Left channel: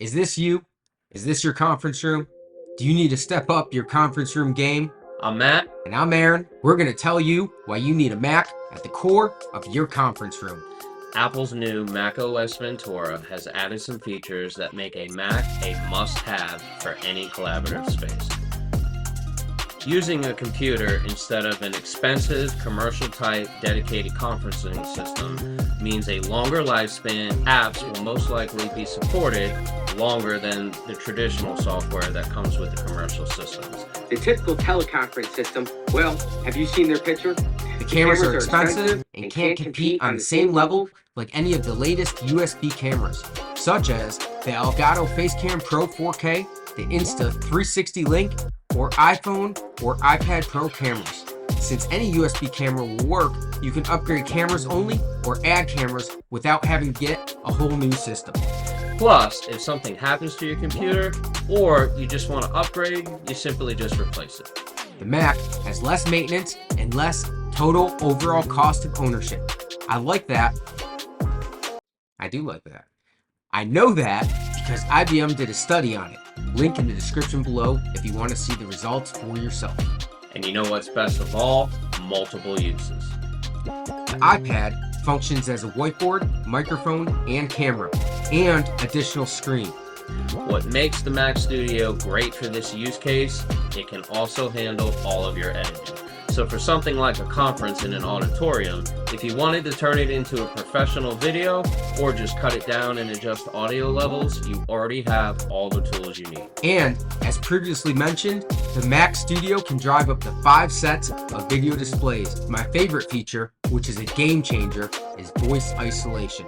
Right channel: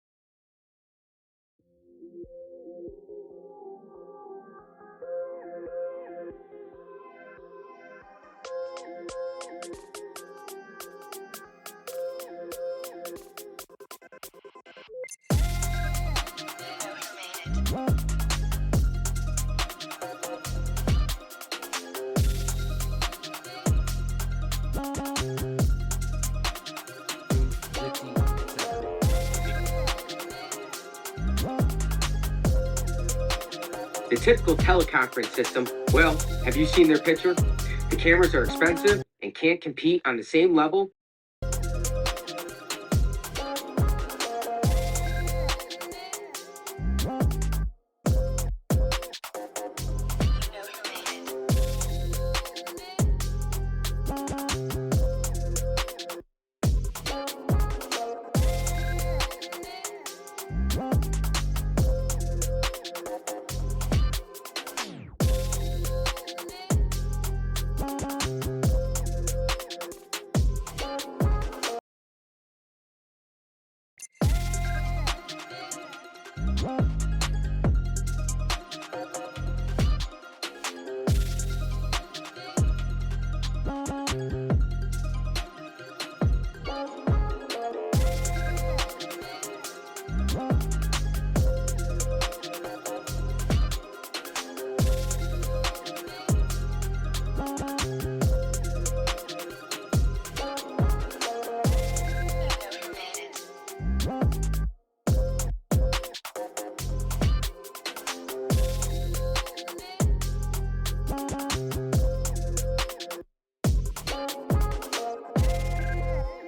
Is this you? Is this your conference room? Do you need to step up your conference room game? I'm Matt. And I'm Aaron. We're going to tell you why you need a Mac at the core of your conference room. Apple's new macOS Ventura has added some features that make a Mac a must-have for any collaborative space. Using a computer instead of an expensive commercial-type dedicated conferencing system means a longer lifespan. Apps will most likely be supported longer than the traditional software that comes with the commercial systems. The typical teleconference system, well, have you seen their picture? The cameras are expensive and can't compete on the same level like any of the latest USB cameras, such as the Elgato Facecam Pro 4K, the Insta360 Link, or iPhone or iPad Pro cameras. Since any USB camera will work, you can upgrade cameras only or add cameras without having to get a whole new system. Plus, if something happens to your computer or you just want to upgrade, you simply just replace it. The Mac has less maintenance and less total overall cost of ownership. I like that. I do like that. I know that because IBM did a study on it. Link in the description below if you want to see the results for yourself. And you know what's best of all? Multiple uses. The iPad functions as a whiteboard, microphone, and camera, and additional screen. What makes the Mac Studio great for this use case, it can also handle all of your editing. So for something like a conference in an auditorium, if you wanted to turn it into a professional video or just cut it down and adjust audio levels, you already have all the tools you need. And as previously mentioned, the Mac Studio can drive up to 5 sets of video displays. My favorite feature, which is a game changer, is voice isolation.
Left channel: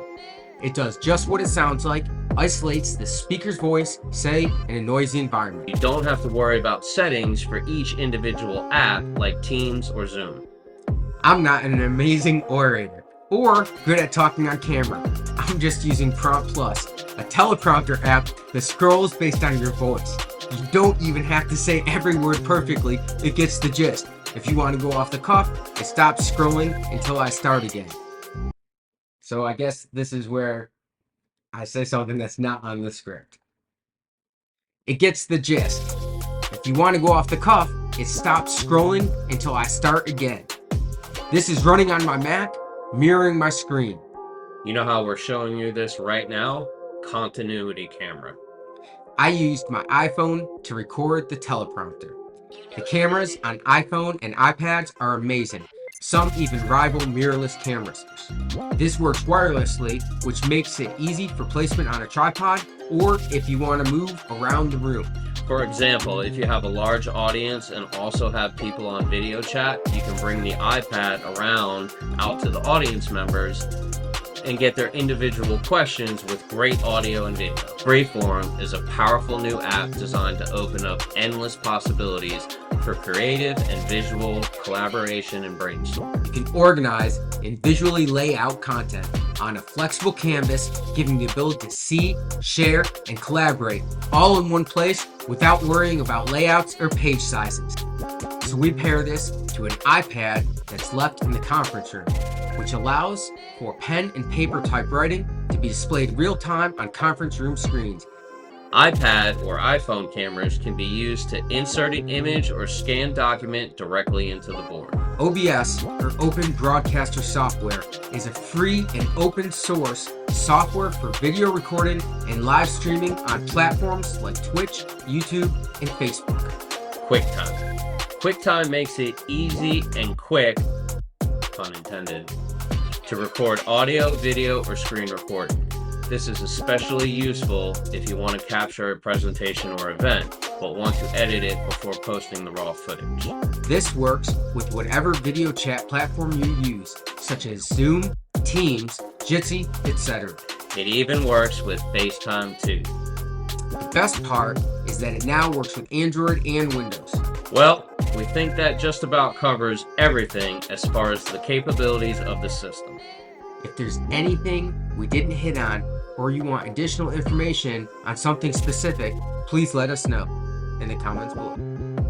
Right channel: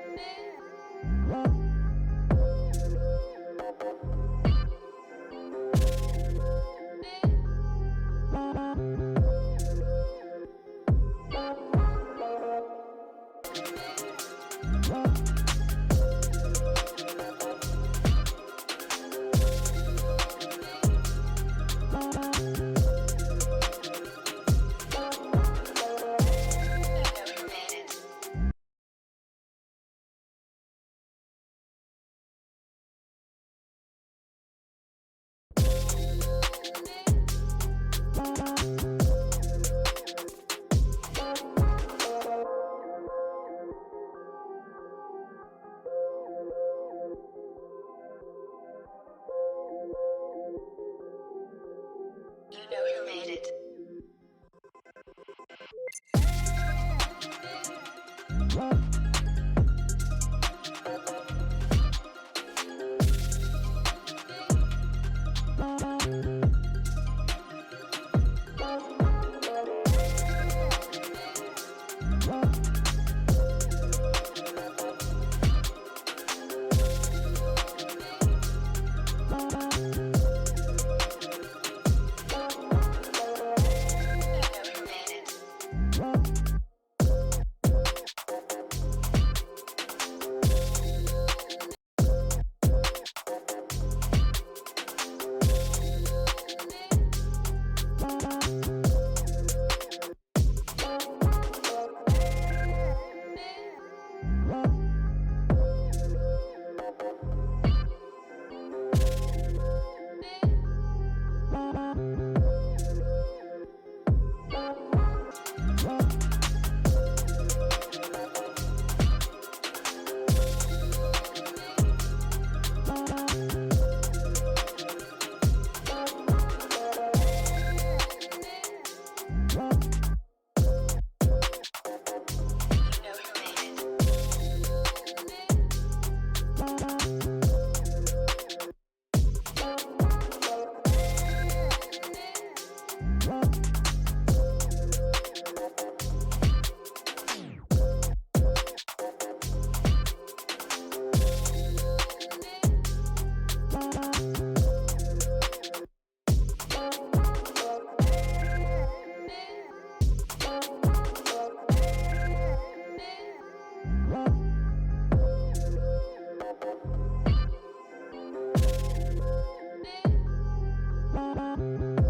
It does just what it sounds like, isolates the speaker's voice, say, in a noisy environment. You don't have to worry about settings for each individual app like Teams or Zoom. I'm not an amazing orator or good at talking on camera. I'm just using Prompt Plus, a teleprompter app that scrolls based on your voice. You don't even have to say every word perfectly, it gets the gist. If you want to go off the cuff, it stops scrolling until I start again. So I guess this is where I say something that's not on the script. It gets the gist. If you want to go off the cuff, it stops scrolling until I start again. This is running on my Mac, mirroring my screen. You know how we're showing you this right now? Continuity camera. I used my iPhone to record the teleprompter. The cameras on iPhone and iPads are amazing. Some even rival mirrorless cameras. This works wirelessly, which makes it easy for placement on a tripod or if you want to move around the room. For example, if you have a large audience and also have people on video chat, you can bring the iPad around out to the audience members and get their individual questions with great audio and video. Freeform is a powerful new app designed to open up endless possibilities for creative and visual collaboration and brainstorm. You can organize and visually lay out content on a flexible canvas, giving the ability to see, share, and collaborate all in one place without worrying about layouts or page sizes. So we pair this to an iPad that's left in the conference room, which allows for pen and paper typewriting to be displayed real-time on conference room screens. iPad or iPhone cameras can be used to insert an image or scan document directly into the board. OBS, or Open Broadcaster Software, is a free and open source software for video recording and live streaming on platforms like Twitch, YouTube, and Facebook. Quicktime. Quicktime makes it easy and quick, pun intended, to record audio, video, or screen recording. This is especially useful if you want to capture a presentation or event, but want to edit it before posting the raw footage. This works with whatever video chat platform you use, such as Zoom, Teams, Jitsi, etc. It even works with FaceTime too. The best part is that it now works with Android and Windows. Well, we think that just about covers everything as far as the capabilities of the system. If there's anything we didn't hit on, or you want additional information on something specific, please let us know in the comments below.